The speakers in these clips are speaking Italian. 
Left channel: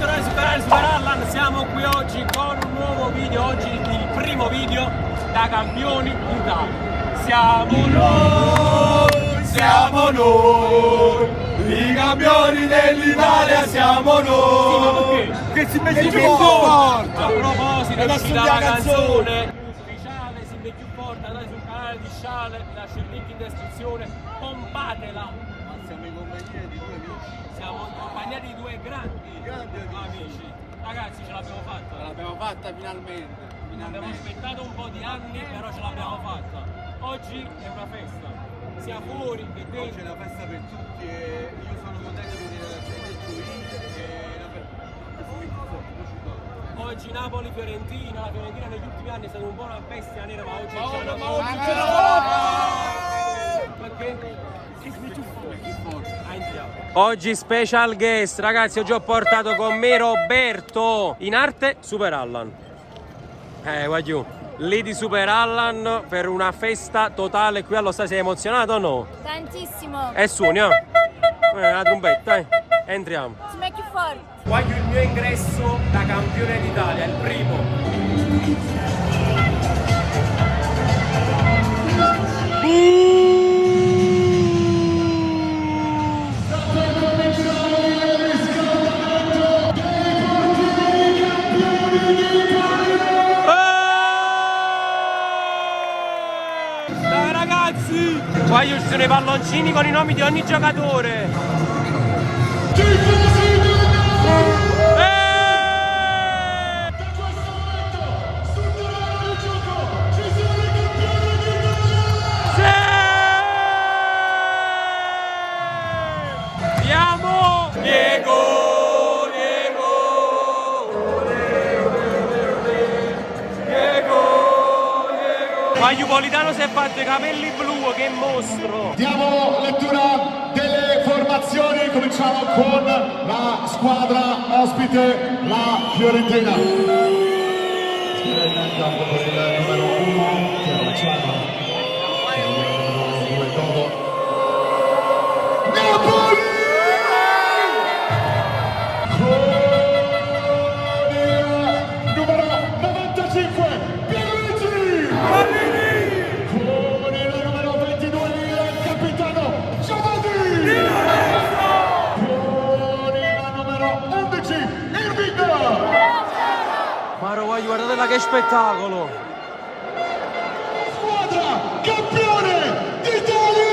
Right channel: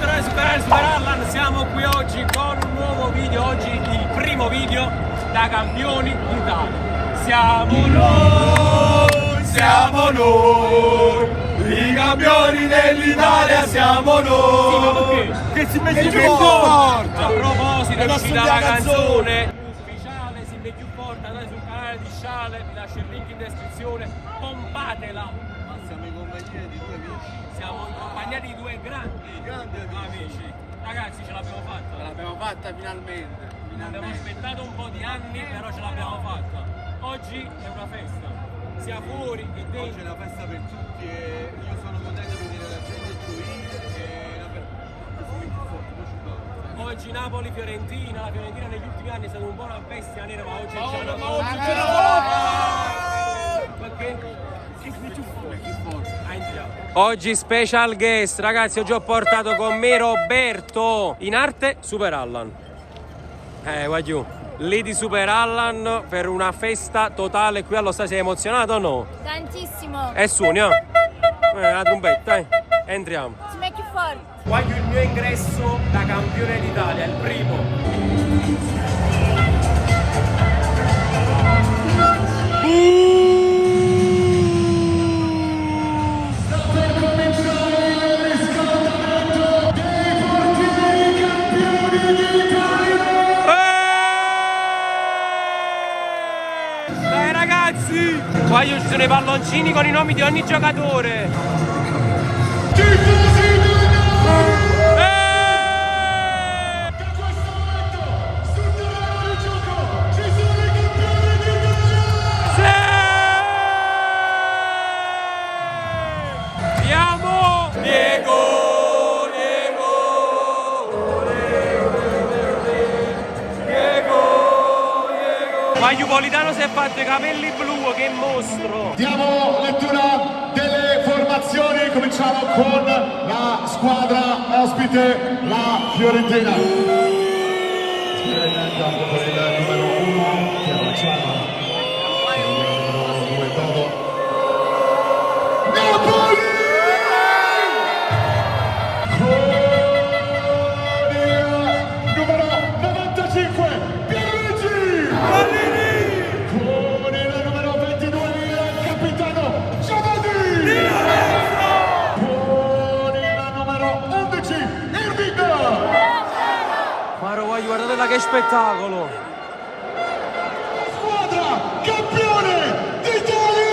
bentornati su canale Superallan, siamo qui oggi con un nuovo video, oggi il primo video da campioni d'Italia. Siamo noi, i campioni dell'Italia siamo noi. Che si mette più forte! A proposito, è è uscita la canzone ufficiale, si mette più forte, andate sul canale di Sciale, vi lascio il link in descrizione, pompatela. Ma siamo in compagnia di due amici. Siamo in compagnia di due grandi amici. Ragazzi, ce l'abbiamo fatta. L'abbiamo fatta finalmente. Abbiamo aspettato un po' di anni, però ce l'abbiamo fatta. Oggi è una festa, sia fuori che Oggi dentro. è la festa per tutti e io sono contento di vedere la gente gioire e la Oggi Napoli-Fiorentina, la Fiorentina negli ultimi anni è stata un po' una bestia nera, ma oggi c'è una oggi c'è la forza! Perché? Oggi special guest, ragazzi, oggi ho portato con me Roberto, in arte Superallan. Guagliù, lì di Superallan per una festa totale qui allo stadio. Sei emozionato o no? Tantissimo. Suoni, la trombetta, entriamo. Ci metti fuori. Voglio il mio ingresso da campione d'Italia, il primo. Ragazzi, voglio ci sono i palloncini con i nomi di ogni giocatore. Andiamo! Diego! Guagliù Politano si è fatto i capelli blu, che mostro! Diamo lettura delle formazioni, cominciamo con la squadra ospite, la Fiorentina. Il numero 1 che facciamo. Napoli! Con il numero 95, Pierluigi! Con il numero 22, il capitano Giovanni! Con il numero 11, Irving! Maro, voglio guardare che spettacolo! Squadra campione Italia!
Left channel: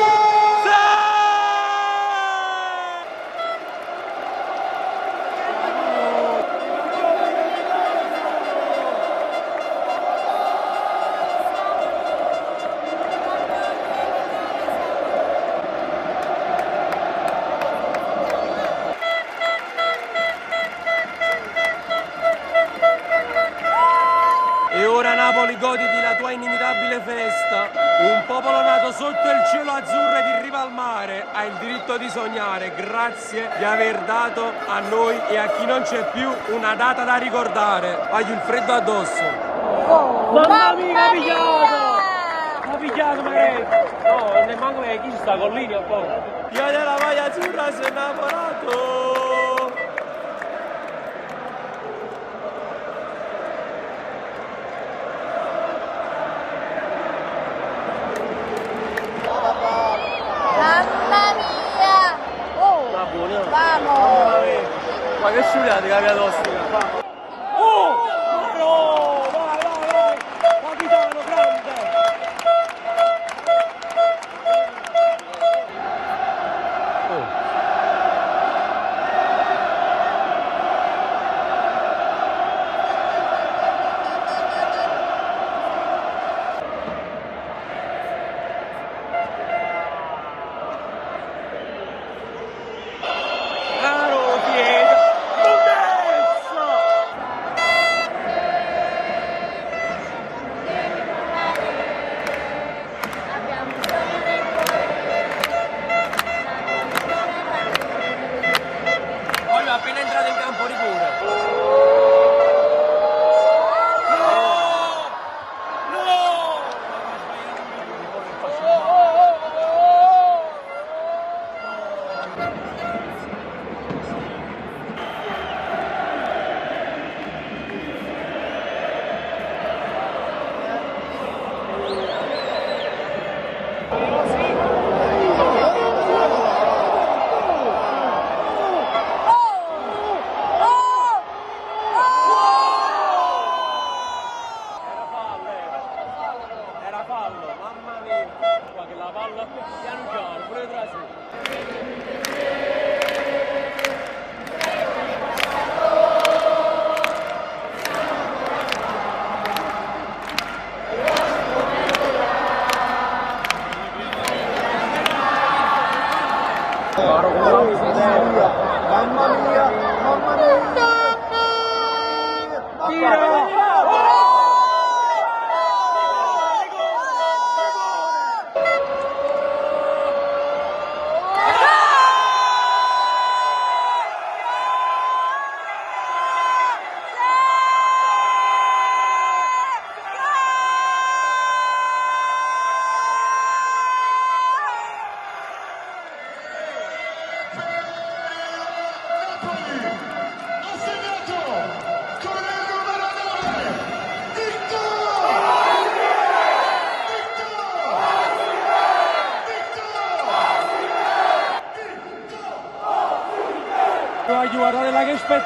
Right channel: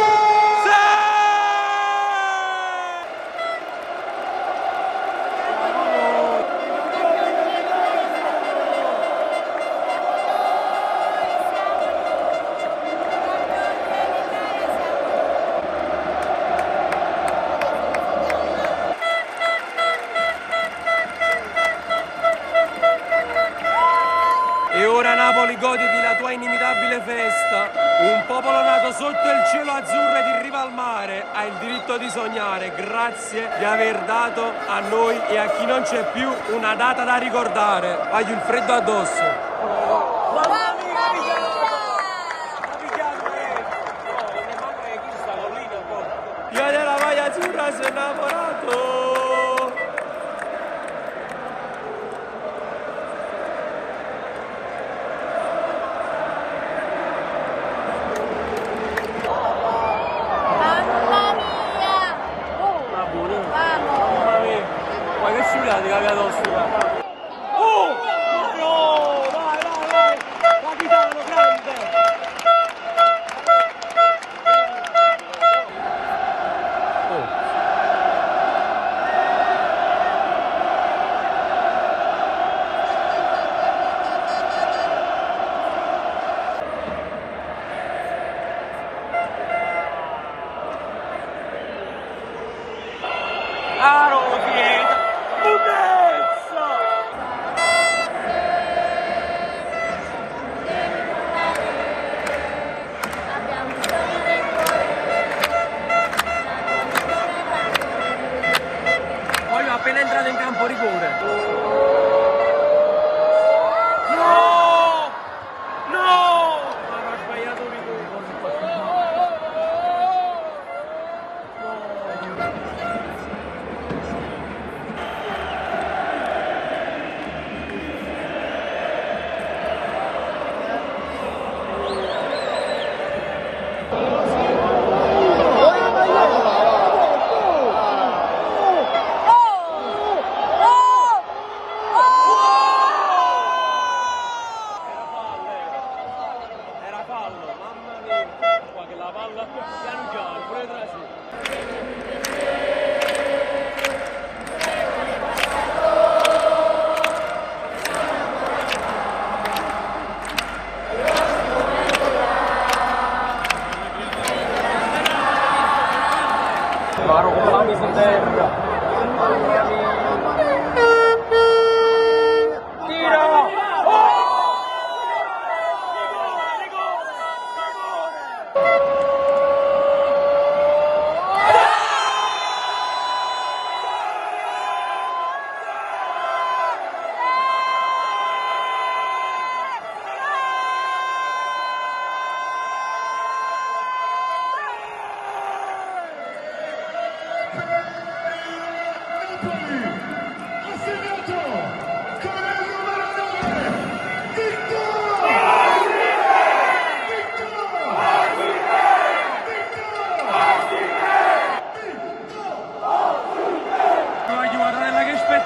E ora Napoli, goditi la tua inimitabile festa. Un popolo nato sotto il cielo azzurro ed in riva al mare ha il diritto di sognare. Grazie di aver dato a noi e a chi non c'è più una data da ricordare. Voglio il freddo addosso. Mamma mia, ha pigliato! Ha pigliato parecchio! No, non ne manco che chi sta con linea a porta. Io della maglia azzurra si è innamorato! Mamma mia. Buono. Vamos. Mamma mia. Ma che sciuriate che avete ostica. Oh! No! Vai! Capitano grande! Aro piede! Bellezza! Voglio appena entrato in campo rigore. No! No! Ha sbagliato un rigore.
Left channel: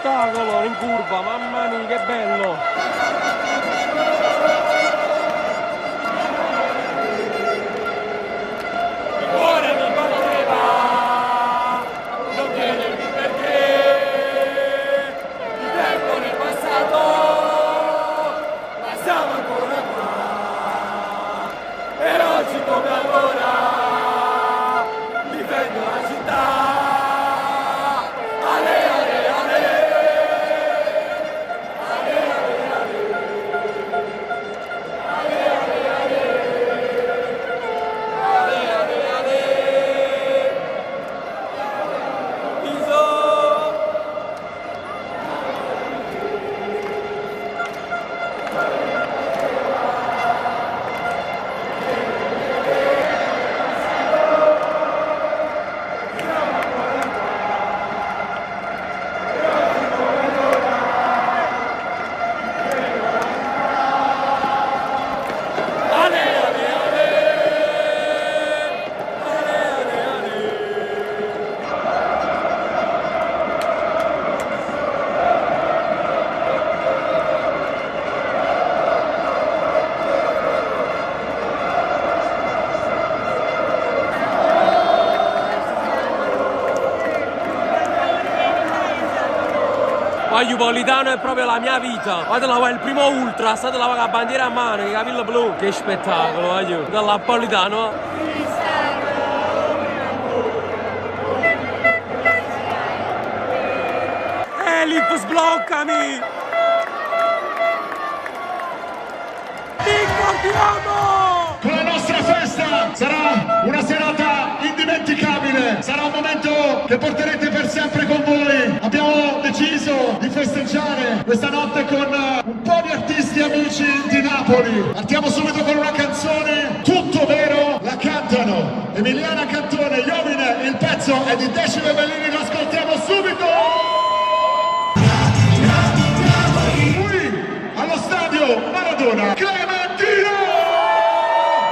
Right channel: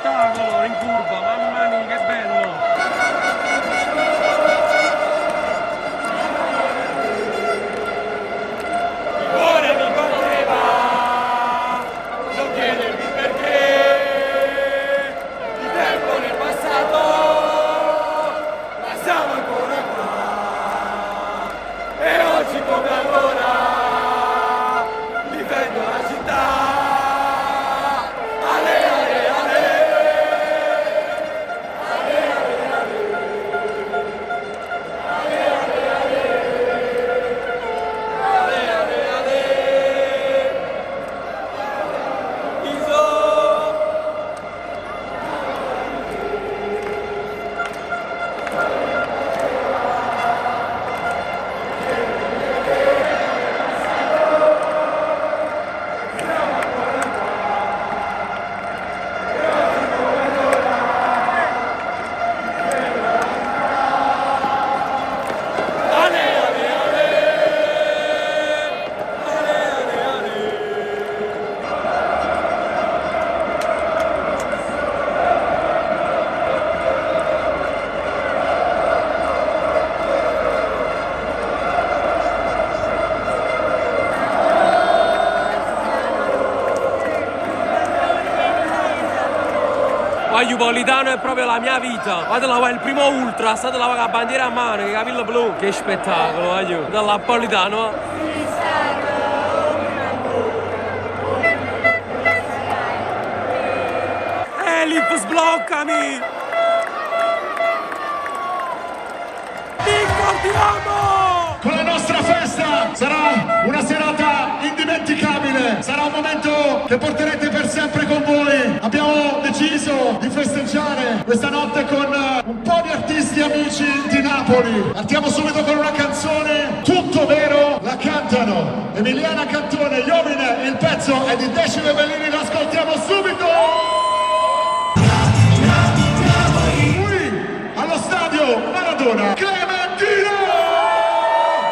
spettacolo in curva, mamma mia che bello! Ora mi batteva, non chiedermi perché, il tempo nel passato, ma siamo ancora qua, e oggi come allora, difendo la città, ale ale ale, ale ale ale, Voglio Politano è proprio la mia vita. Vado là, il primo ultra, state là con la bandiera a mano, che capello blu. Che spettacolo, voglio. Da là Politano. Elif, sbloccami! Continuiamo! Con la nostra festa sarà una serata indimenticabile, sarà un momento che porterete per sempre con voi. Abbiamo deciso di festeggiare questa notte con un po' di artisti amici di Napoli. Partiamo subito con una canzone, Tutto Vero, la cantano Emiliana Cantone, Iovine, il pezzo è di Decimo Bellini, lo ascoltiamo subito! Qui allo stadio Maradona, Clementino!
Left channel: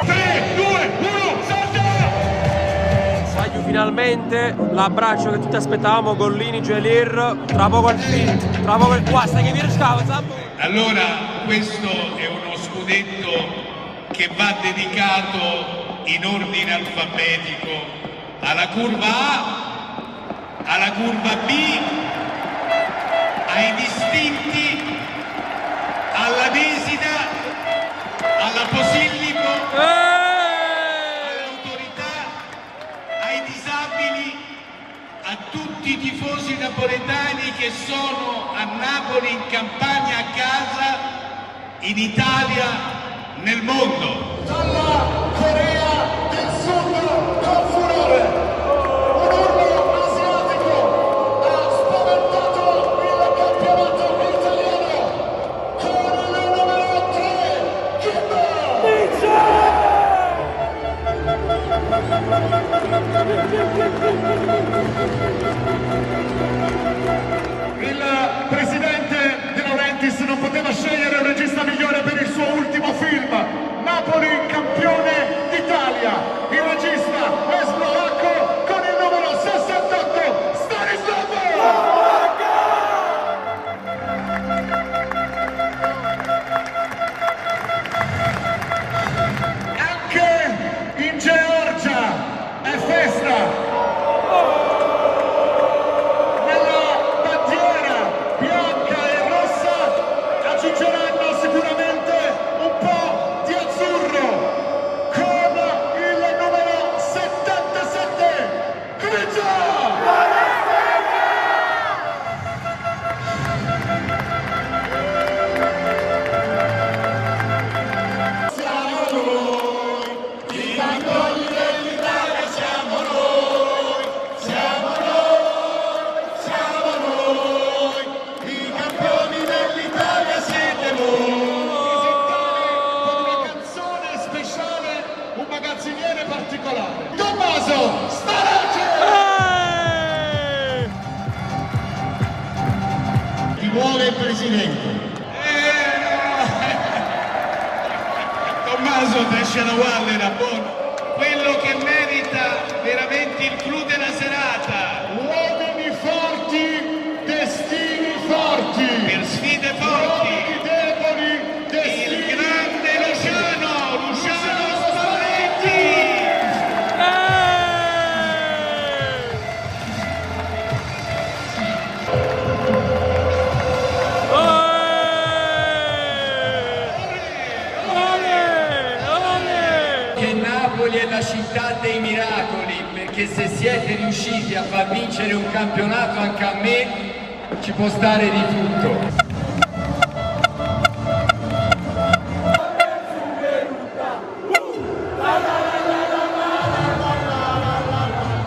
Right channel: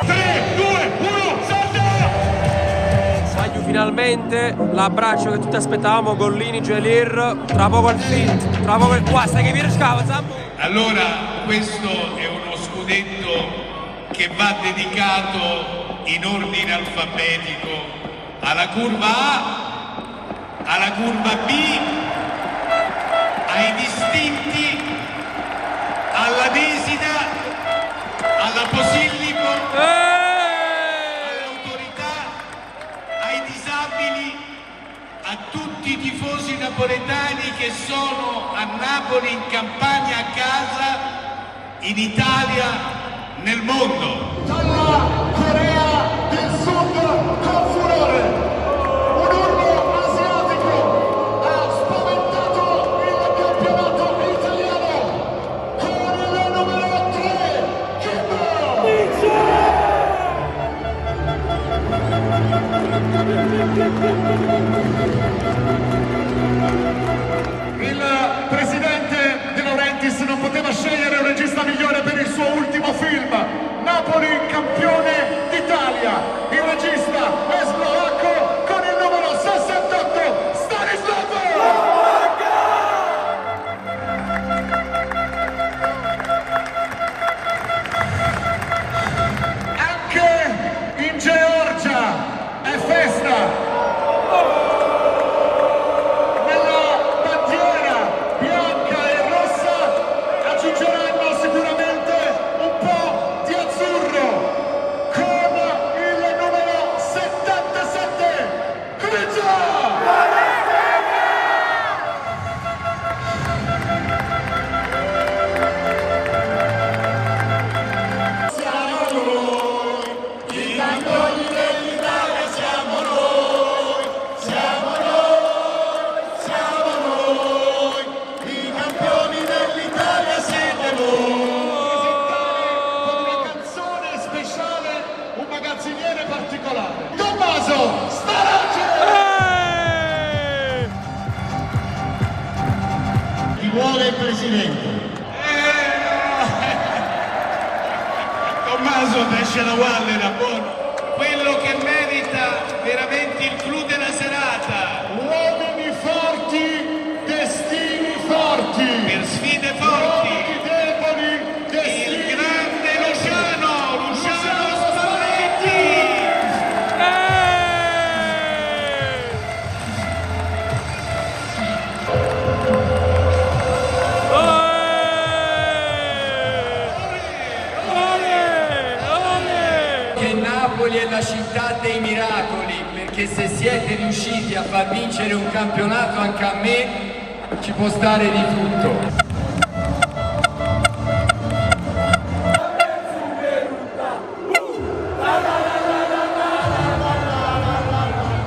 3, 2, 1, salta! Voglio finalmente l'abbraccio che tutti aspettavamo, Gollini, Gelier, tra poco il film, tra poco il qua, stai che mi riscava, Allora, questo è uno scudetto che va dedicato in ordine alfabetico alla curva A, alla curva B, ai distinti, alla Desida, alla Posillipo, all'autorità, ai disabili, a tutti i tifosi napoletani che sono a Napoli, in Campania, a casa, in Italia, nel mondo. Dalla Corea del Sud con furore, un urlo asiatico ha spaventato il campionato italiano con il numero 3, Kimbo! Il presidente De Laurentiis non poteva scegliere un regista migliore per il suo ultimo film. Napoli campione d'Italia, il regista è slovacco con il numero 68, Stanisław! Anche in Georgia è festa! Nella bandiera bianca e rossa aggiungeranno sicuramente un po' di azzurro con il numero 77, Grigio! Particolare. Tommaso Starace! Chi vuole il presidente? Tommaso esce la guardia da buono. Quello che merita veramente il clou della serata. Uomini forti, destini Napoli è la città dei miracoli, perché se siete riusciti a far vincere un campionato anche a me, ci può stare di tutto.